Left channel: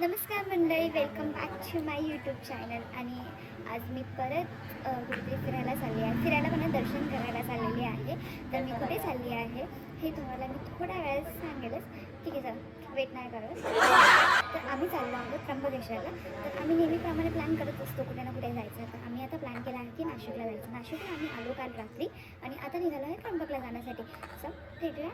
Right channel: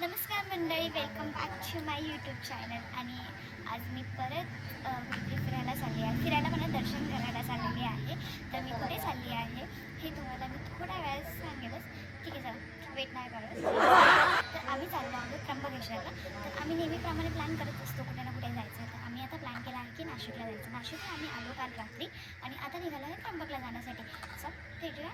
नमस्कार मंडळी, welcome back to my YouTube channel. आणि आज मी परत कुठे फिरायला चालली आहे. फिरायला मला दर्शन करायला चाललेली आहे. तर मी कुठे चालली आहे हे तुम्हाला मी थोड्या वेळात सांगेलच. ठीक आहे, चला वेट नाही करत. तर आम्ही चाललो आहोत त्र्यंबकेश्वरला. तर आम्ही नेहमीप्रमाणे प्लॅन करत असतो कुठे ना कुठे जायचं. तर आम्ही आता प्लॅन केला आहे की नाशिकला जायचं. नाशिकला आम्ही आलो काल रात्री आणि आता निघालो आहे त्र्यंबकला जाण्यासाठी. चल भेटूया.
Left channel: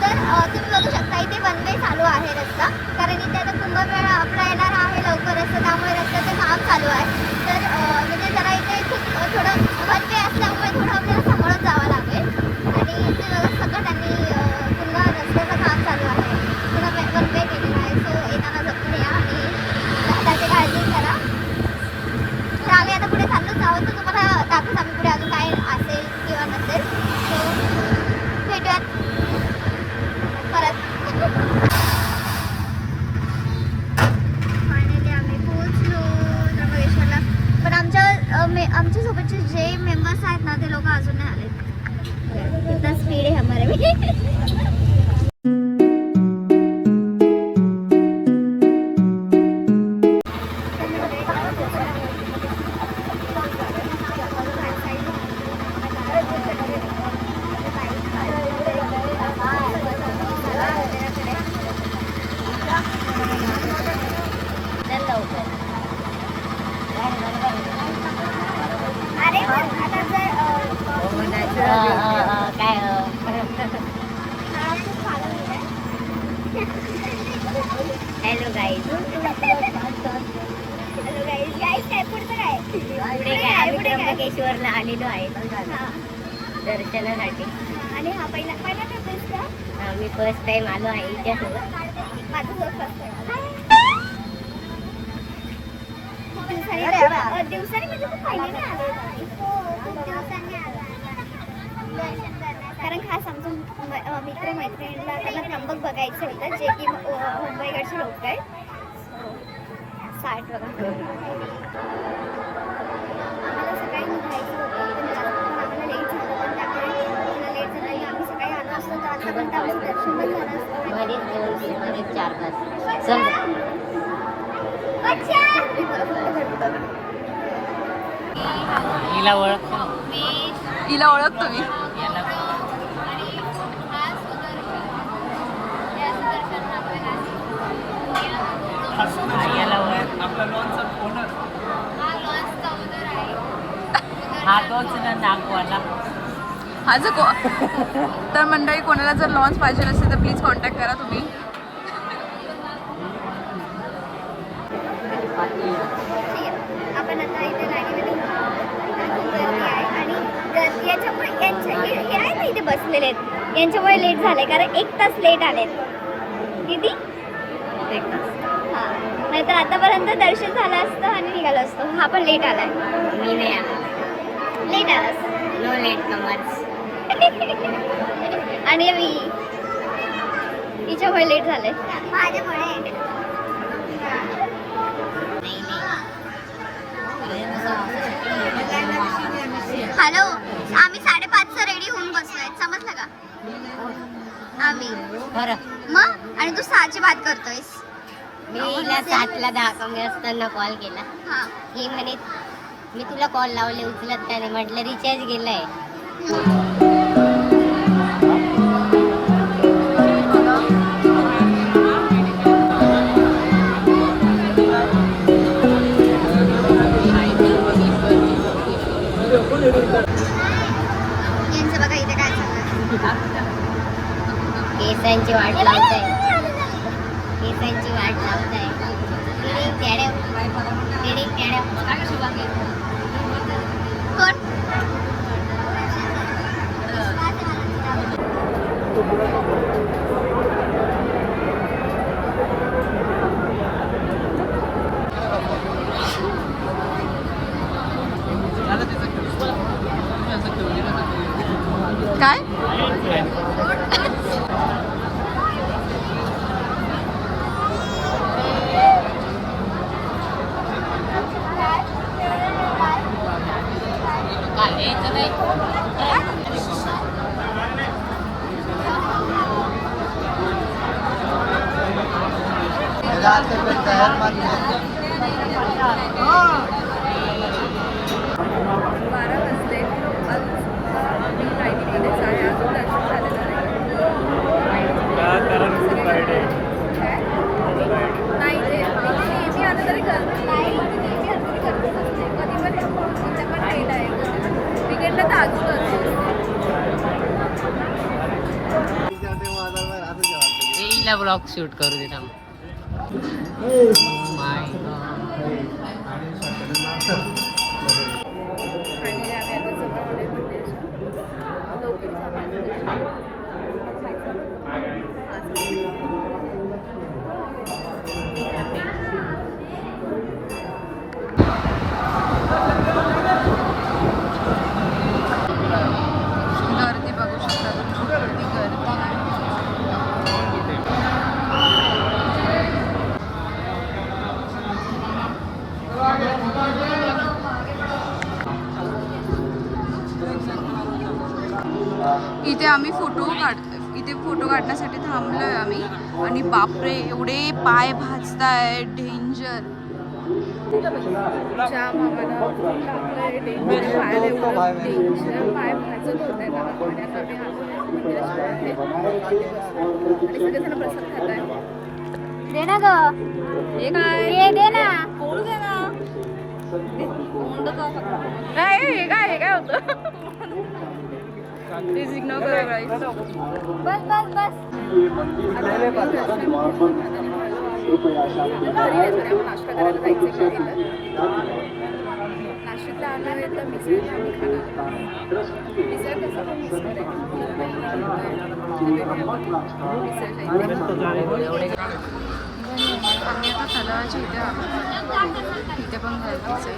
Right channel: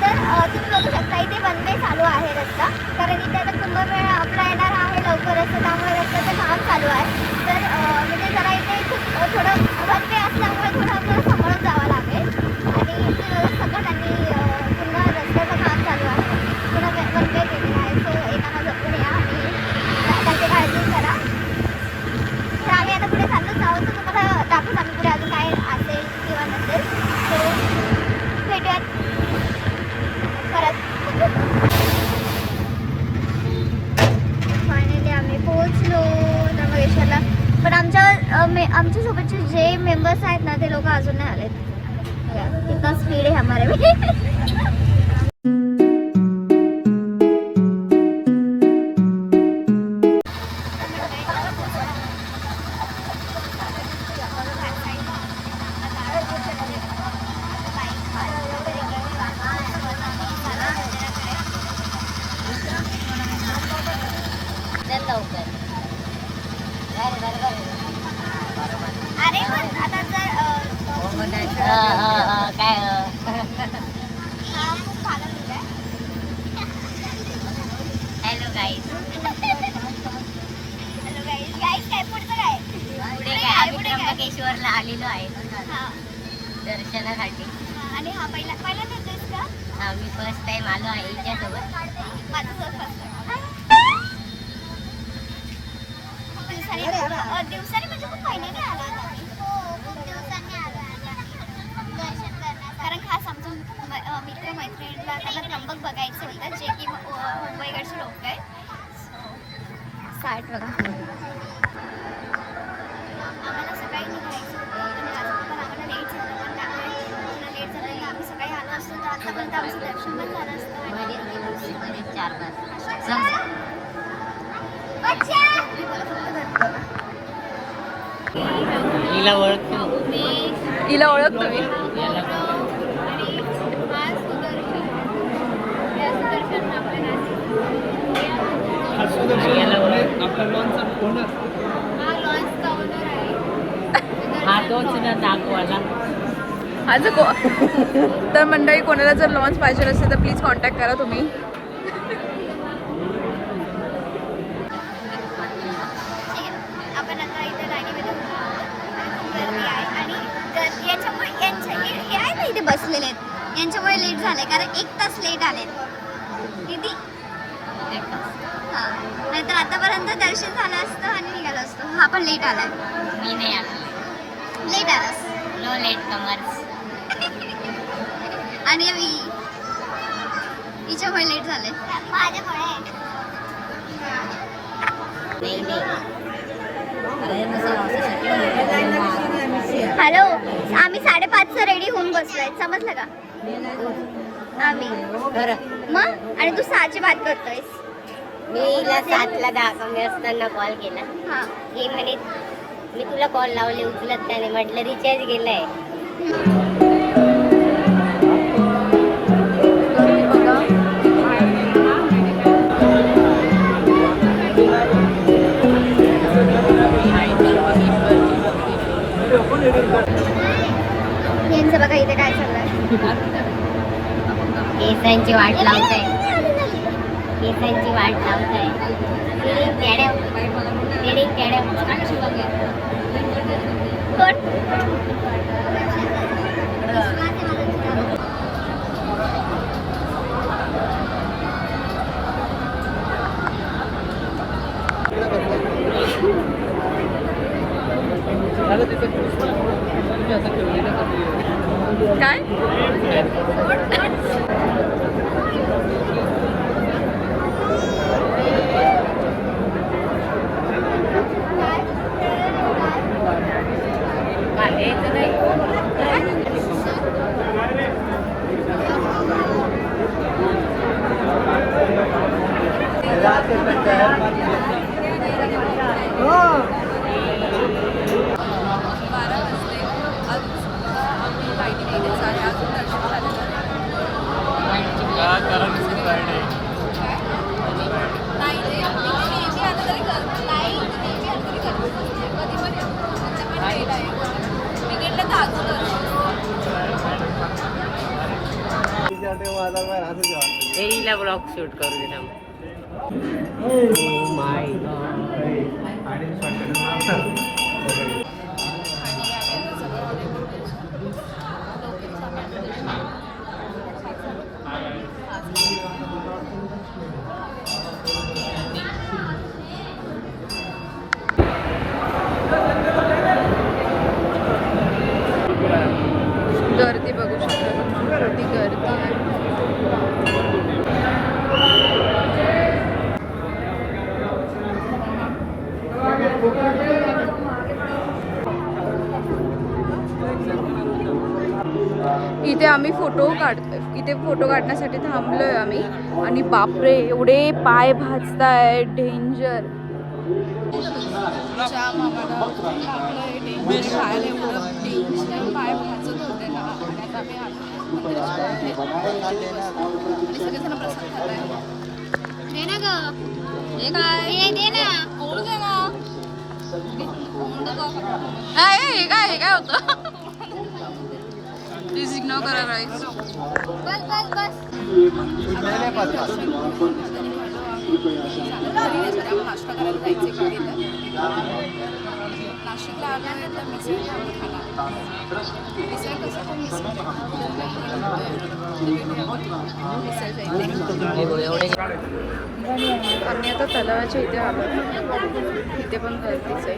तर तुम्ही बघू शकता इथे वन वे चालू आहे रस्ता, कारण इथे आता कुंभमेळा आपला येणार आहे लवकरच, त्यामुळे रस्त्याचं काम चालू आहे. तर म्हणजे जरा इथे खूप थोडं वन वे असल्यामुळे थोडं आपल्याला सांभाळून जावं लागेल. आणि इथे सगळं त्यांनी पूर्ण रस्त्याचं काम चालू आहे, पूर्ण वन वे केलेलं आहे. सो येताना जपून या आणि त्याची काळजी करा. तर आम्ही आता पुढे चाललोच आहोत. तर तुम्हाला दाखवून आम्ही पुढे अजून काय असेल किंवा नसेल. सो भेटूयात परत. फायनली आम्ही पोहोचलो त्र्यंबकेश्वरला. पण आमच्या सोबतचे जे मेंबर्स आहेत ना, ते लोक अजून नाही आलेत. कितना स्पीड आहे हमारे में. अरे आता जर काय हा खूप छान आहे. Hello guys. Hello guys. Guys काय पुढचं काय पुढे काय आम्ही त्र्यंबकेश्वरला आलेलो आहे दर्शनासाठी. आणि हा पहिल्यांदा येतोस का? हा, मी फर्स्ट टाइम आलो आहे इथ्यासोबत. माझं फर्स्ट टाइम दिवसांनी म्हणजे खूप फायनली आलो होतो. खूप दिवसांनी आलो दर्शन करण्यासाठी. कारण खास आमच्या मित्रमैत्रिणीला त्यांना त्र्यंबक बघायचं होतं, जे की मुंबईकडचे लोक आहेत. सो साईट बघा. आम्हाला सकाळी निघायचं होतं, पण आम्हाला लेट झालं. पण त्यामुळे लेट झालं की आम्ही सकाळी आलो असतो तर आतापर्यंत आमचं दर्शन पण झालं असतं. बरेच 4-5 हिला ओळखतो मी. तर मंडळी, कोणाला जर लॉन्च पाहिजे असेल तर प्लीज कॉन्टॅक्ट करा तुम्ही. आपण आता इथे लाईनीमध्ये आहे आणि याच्यामुळे हे आहे ना इथे बसलेले आहेत, यांच्यामुळे लेट झालंय. कारण 1 तास लेट आलेत. किती? 1 तास. हां, नाहीतर आतापर्यंत दर्शन झालं असतं आणि निघालो असतो. हा पण लेट आलाय. मी नाही आला. लेट आलास. No late comers. आणि हिच्यामुळे लेट झालंय. माझ्यामुळे. हॅलो, आम्ही 5:30चा रेडी होऊन बसलोय, समजलं का? आम्ही मग. आणि तू 6ची बात करतोयस. मी 7ला 10 कमी असताना कॉल केला. हा, हे म्हणे मी तुला कॉल लावले, उचलत त्याने. म्हटलं रिचार्ज गेलाय. यांचं बघा इथे काय चाललंय. केसांची वाट लावताय. केसांची वाट लावताय. कोण? काय? 12 वाजले. अजूनसुद्धा आम्ही रायगडमध्येच आहे. अजून दर्शन झालेलं नाही. ते मी आता तरी करते. नाही, मी आता तरी करते. कधी पण तुमचं पण वेळ आहे. तिकडलं तर अजून करते. तेरीला ब्लॉग शूट करू दे ना. माय गर्दी बघू शकता तुम्ही, किती गर्दी आहे. इथे आम्ही फोटो काढतोय. इथे फोटो काढण्यासाठी थांबलोय आम्ही आणि बापरे एवढे पाय भाजताय, डेंजर. जाम आम्हाला टाकलंय डेंजर पाय, एवढं डेंजर पाय भाजत होते ना. आणि आता आम्ही आलो मंदिराच्या बाहेर आणि सगळेजण प्रसाद खात आहे. दे ना ग, हे दे ना. कोण घे ना. नाही हे काय होतं. प्लीज इग्नोर करा गाईज. बस बस बस. नाश्ता करायला जायचं इकडे गेलं. नाशिकला आलो तर मिसळ आम्ही खाला. मिसळ कसं पण मिसळ आम्ही आता तलावाच्या इथे आलो. इथे पण गर्दीच आहे.